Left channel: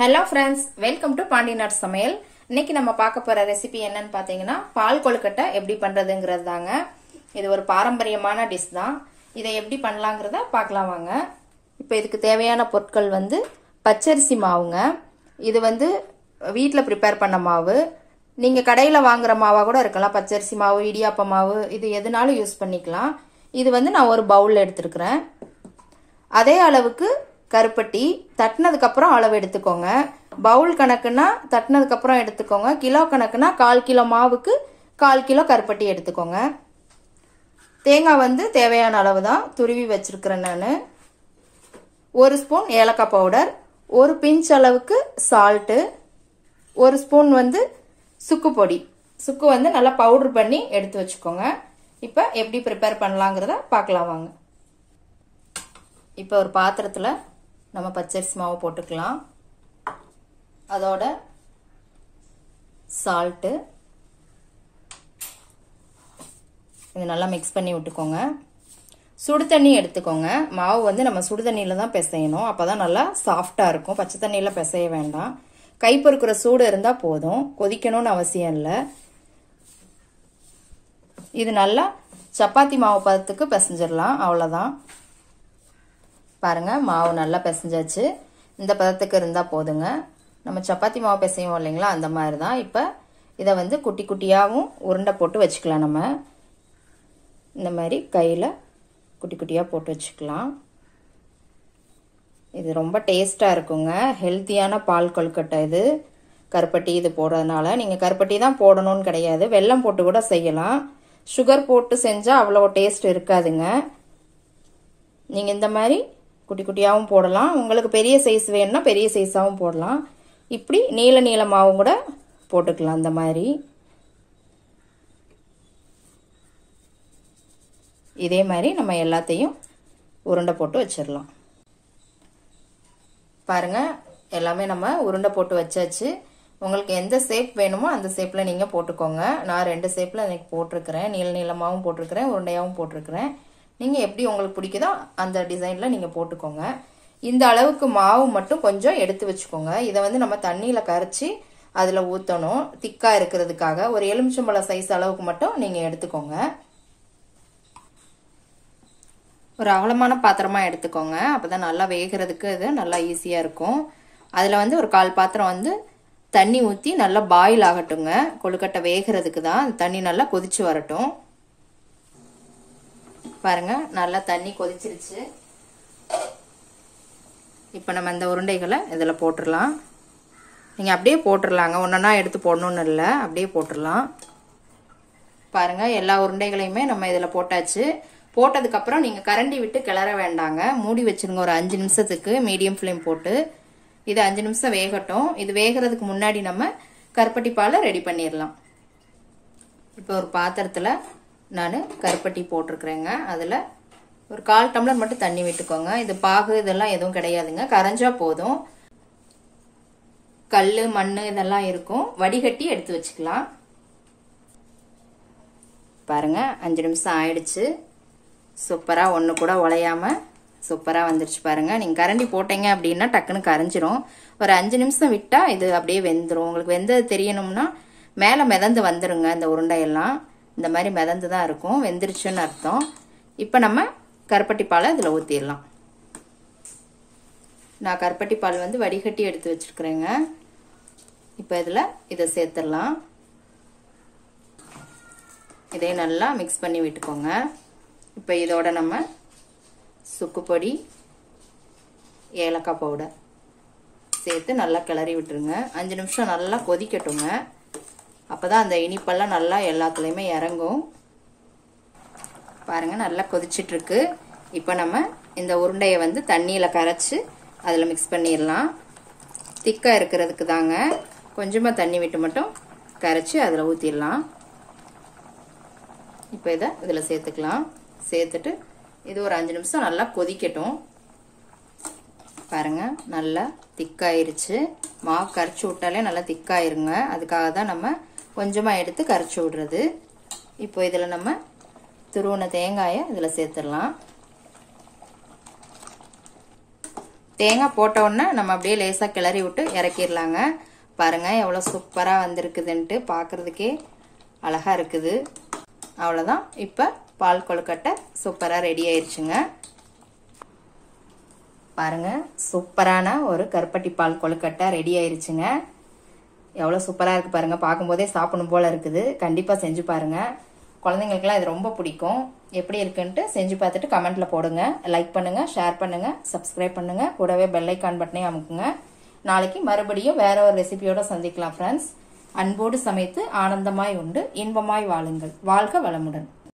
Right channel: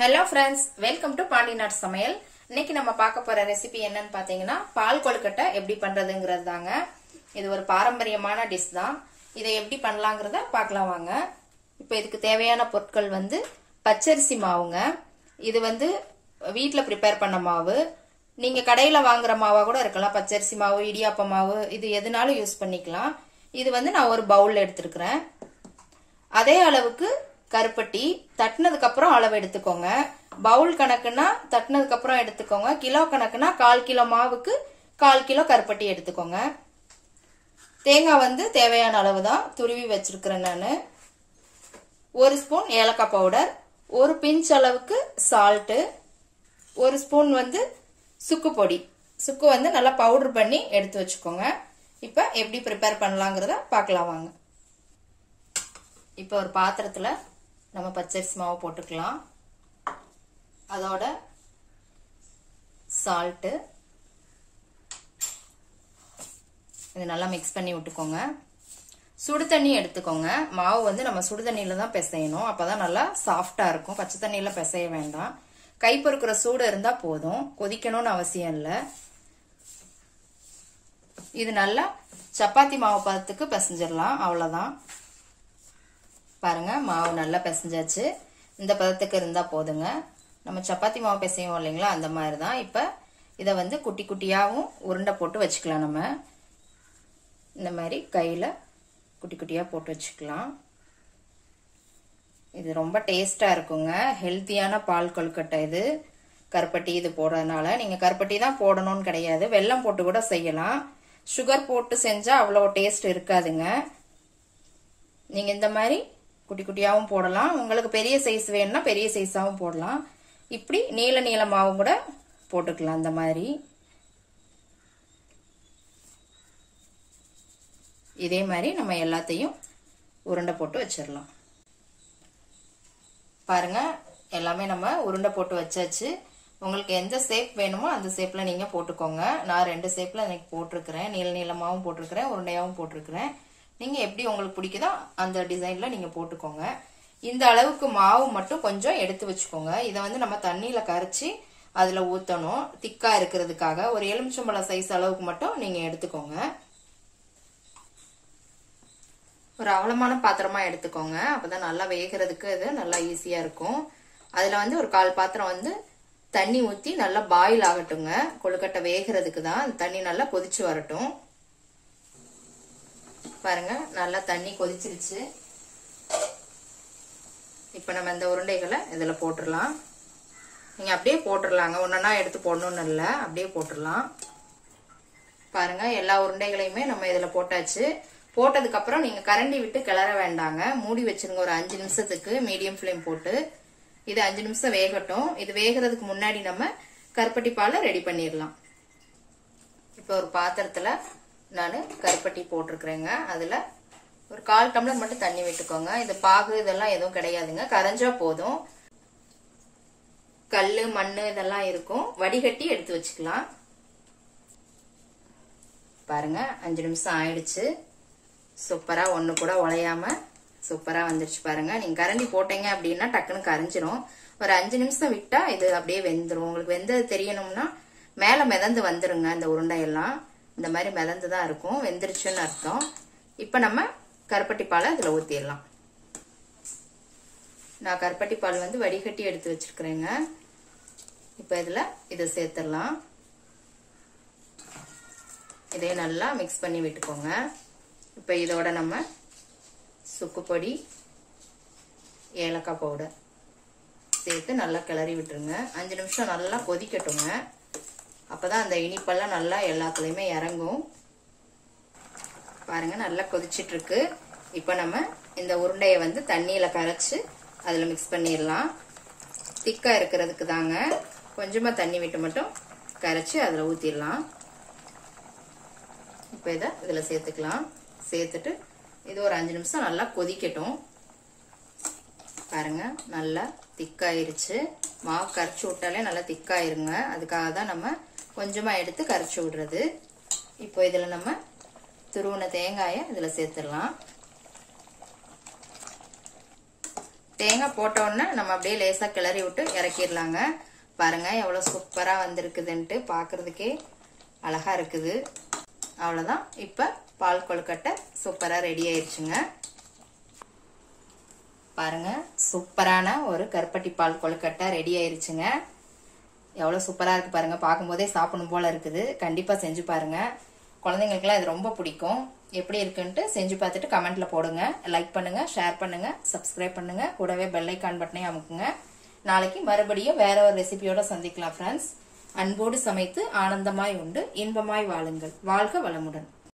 Hello friends, welcome to Pandinath Samayal. இன்னைக்கு நம்ம பார்க்க போற ரெசிபி என்னன்னு பாத்தீங்கன்னா பால் கொழுக்கட்டை எப்படி பண்றதுங்கிறது தாங்க. இது ஒரு பாரம்பரியமான டிஷ் தான். இதை எப்படி பண்ணலாம்ங்கறத பார்க்கலாம் வாங்க. இப்போ இதுக்கு தேவையான பொருட்கள் வந்து பச்சரிசி மாவுங்க. இது வந்து வீட்ல prepare பண்ண மாவு. நீங்க கடையில வாங்குற மாவா கூட இருக்கலாம். பச்சரிசி மாவு, இடியாப்ப மாவு இது எதுனாலும் யூஸ் பண்ணிக்கலாம். இது வந்து நான் ஒரு பவுல்ல எடுத்துக்கிறேன். அதே அளவுக்கு கருப்பட்டி தட்டினதுக்கு அப்புறம் அளவு எடுத்துக்கோங்க. பவுல் கணக்குனா தட்டினதுக்கு அப்புறம் எடுத்துக்கோங்க. கிலோ கணக்குனா 1/4 கிலோ மாவுக்கு 1/4 கிலோ கருப்பட்டி எடுத்துக்கோங்க. தேங்காய் வந்து தேவையான அளவு தான் துருவி வச்சிருக்கிறேன் நானு. 1 ஸ்பூன் ஏலக்காய் பவுடர், 1 பிஞ்ச் அளவுக்கு சால்ட், 1 ஸ்பூன் வந்து சுக்கு பொடி. சுக்கு வந்து நல்லா பவுடர் பண்ணி எடுத்து வச்சுக்கோங்க. இப்போ எப்படி ப்ரிப்பேர் பண்ணலாங்கிறத பார்க்கலாம் வாங்க. இப்போ ஒரு பாத்திரத்துல நம்ம பச்சரிசி மாவு போட்டுக்கலாம். அதோட சால்ட் இது நல்லா மிக்ஸ் பண்ணி விட்டுக்கோங்க. சுடு தண்ணி எடுத்துக்கோங்க. மாவு வந்து நம்ம சுடு தண்ணியில தான் பிசையணும். அப்பதான் நல்லா சாஃப்டா இருக்கும். பச்சை தண்ணியில பிசைய வேண்டாம். கை பொறுக்கிற சூடு இருந்தா போதும். கொதிக்கணும்னு அவசியம் இல்லை. இது நல்லா சப்பாத்தி மாவு பதத்துக்கு பிசைஞ்சிடலாம். அவ்வளவுதான். பாருங்க மாவு நல்லா பிசைஞ்சாச்சு. இந்த பதத்துக்கு இருந்தா போதுங்க. நம்ம சப்பாத்தி மாவு பிசையும் இல்லைங்களா, அந்த மாதிரி தான். இப்ப இதை வந்து குட்டி குட்டியாவும் உருண்டை போட்டு வச்சுக்கலாம். நம்ம இந்த மாதிரி கையில குட்டி குட்டியா போட்டு வச்சுக்கலாம். இது ரொம்ப டேஸ்டா இருக்குங்க. ஹெல்த்தியான பால் கொழுக்கட்டை இது. கருப்பட்டி இது போடுறதுனால நீங்க கருப்பட்டி தான் போடணும்னு கிடையாது. வெல்லம் போட்டு கூட செய்யலாம். சுகர் போட்டு செஞ்சா அவ்வளோ டேஸ்ட் இருக்காதுங்க. நீங்க இந்த மாதிரி குட்டி குட்டியாவும் போடலாம். உங்களுக்கு பெரிய சைஸ் வேணும்னா பெரிய சைஸாவும் போடலாம். இப்படி நீள நீளமாவும் கூட போட்டுக்கலாம். இந்த மாதிரி இதே மாதிரி நம்ம எல்லாத்தையும் உருண்டை போட்டு வச்சிடலாம். பாருங்க எல்லாமே நம்ம உருண்டை போட்டு வச்சாச்சு. உங்களுக்கு எந்த ஷேப் வேணுமோ அந்த ஷேப்ல நீங்க போட்டுக்கோங்க. நான் 2 ஷேப்ல எனக்கு போட்டிருக்கிறேன். நீள நீளமாவும் போட்டிருக்கிறேன், உருண்டையாவும் போட்டிருக்கிறேன். நீங்க எப்படி உங்களுக்கு பிடிக்குதோ அந்த டிசைன்ல நீங்க போட்டுக்கோங்க. இந்த அளவுக்கு மாவு மட்டும் கொஞ்சம் எடுத்து வச்சுக்கோங்க. இதை வந்து நம்ம தண்ணியில கரைச்சி அதுல ஊத்தணும். திக்கா இருக்கிறதுக்காக ஒரு எலுமிச்சம்பழ சைஸ் அளவுக்கு மட்டும் நீங்க எடுத்துக்கோங்க. ஒரு அகலமான பாத்திரமா எடுத்துக்கோங்க. அப்பதான் நல்லா வேகிறதுக்கு இது நல்லா ஈஸியா இருக்கும். அதுல வந்து ஒரு 1/4 பாத்திரம் வந்து தண்ணி ஊத்தி நல்லா பாயில் ஆகட்டுங்க. கொழுக்கட்டை வேகிறதுக்கு தான். தண்ணி நல்லா கொதிச்சு வரட்டும். பாருங்க நல்லா தண்ணி கொதிச்சிருச்சு. இப்ப நம்ம இந்த உருண்டைகளை இதுல போட்டுடலாம். நீங்க அப்படியே போட்டுடலாங்க. ஒன்னொன்னா எடுத்து போடணும்னு இல்ல, அப்படியே போட்டுடலாம். பாருங்க எல்லா உருண்டைகளையுமே நம்ம இதுல போட்டாச்சு. போட்டதுக்கு அப்புறம் நீங்க கரண்டி விட்டு கிளற வேண்டாங்க. மூடி வச்சிருங்க ஒரு 5 நிமிஷத்துக்கு மீடியம் ஃப்ளேம் போட்டு. இது 5 நிமிஷம் வேகட்டும். இது வேகிறதுக்கு முன்னாடி நம்ம கருப்பட்டி பாலை ரெடி பண்ணிடலாம். இப்போ ஒரு பாத்திரத்துல நான் கருப்பட்டி போட்டிருக்கிறேங்க. அதுல ஒரு 1/4 டம்ளர் மட்டும் தண்ணி விட்டுக்கோங்க. இது பாகு இதெல்லாம் எதுவும் கிடையாதுங்க. கரைஞ்சா போதும். கல்லு மண்ணு இதெல்லாம் இருக்கும். வடிகட்டி எடுத்து வச்சுக்கலாம். பாருங்க 5 நிமிஷம் ஆயிடுச்சு. சூப்பரா ஒண்ணு கூட உடையாம சூப்பரா வந்துருச்சு. பாருங்க நீங்க கரண்டி போட்டீங்க அப்படின்னா டக்குன்னு கரைஞ்சிரும். ஒரு 5 நிமிஷம் விட்டா இது அப்படியே வெந்துரும். உங்களுக்கு வெந்தது தெரியணும்னா மேல மிதந்து வந்துருங்க. இந்த உருண்டையெல்லாம் இந்த மாதிரி மிதந்து தான் இருக்கும். வெந்துருச்சுன்னு அர்த்தம். இப்ப நம்ம கருப்பட்டி பாலை இதுல ஊத்திடலாம். நான் கருப்பட்டி பால் வந்து வடிகட்டி எடுத்து வச்சிருக்கிறேங்க. இப்ப இதுல இதை சேர்த்துடலாம். இதை நல்லா மிக்ஸ் பண்ணி விட்டுக்கோங்க. இப்ப இதோட நம்ம சுக்கு பொடி, ஏலக்காய் பவுடர் சேர்த்து நல்லா கிளறி விட்டுருங்க. 5 நிமிஷம் நல்லா கொதிக்கட்டுங்க. அப்பதான் அந்த இனிப்பெல்லாம் நல்லா எல்லாத்துலயுமே இறங்கும். பாருங்க நல்லா கொதிச்சிட்டு இருக்கு. இப்ப நம்ம இந்த உருண்டைய வந்து தண்ணியில கரைச்சு அதுல மிக்ஸ் பண்ணிடலாம். திக்கா இருக்கிறதுக்கு தாங்க. கொஞ்சமா தண்ணி விட்டு மட்டும் கரைச்சு அதுல ஊத்திடலாம். இப்ப இதை இதுல சேர்த்துக்கலாம். சேர்த்துட்டு இது ஒரு 5 நிமிஷம் நல்லா கொதிக்கட்டும். பாருங்க நல்லா திக்காயிருச்சு. மாவு கரைச்சு விட்டாலே நல்லா திக்காயிருங்க. அதுக்காக தான் நம்ம கொஞ்சமா எடுத்து கரைச்சு விடுறது. இப்போ இதுல நம்ம துருவன தேங்காயை இதுல சேர்த்துடலாம். தேங்காய் போட்ட உடனே நம்ம அப்படியே லேசா கிளறி விட்டு இறக்கிடலாங்க. பாருங்க எவ்வளவு சூப்பரா வந்திருக்குதுன்ட்டு, பாக்குறதுக்கே அழகா இருக்குது. அவ்வளவுதான், இப்ப பால் கொழுக்கட்டை சூப்பரா ரெடி ஆயிருச்சுங்க. பாருங்க சூப்பரான ஒரு கருப்பட்டி பால் கொழுக்கட்டை ரெடி ஆயிருச்சுங்க. எவ்வளவு சூப்பரா இருக்கு பாருங்க, பார்க்கும்போதே சாப்பிடணும் போல இருக்குது. கண்டிப்பா செஞ்சு பாருங்க, குழந்தைங்களுக்குலாம் இது ரொம்ப பிடிக்கும். எப்படி இருக்குன்ட்டு செஞ்சு பார்த்துட்டு கமெண்ட்ல போடுங்க. லைக் பண்ணுங்க, ஷேர் பண்ணுங்க, சப்ஸ்கிரைப் பண்ணுங்க, கூடவே பெல் ஐக்கான் பட்டனையும் அமுக்குங்க. நாளைக்கு மறுபடியும் வேற ஒரு ரெசிபியோட சந்திக்கலாம் ஃப்ரெண்ட்ஸ். அன்போடு சமைத்து ஆனந்தமாய் உண்டு இன்பமாய் வாழுங்கள். வாழ்க வளமுடன்.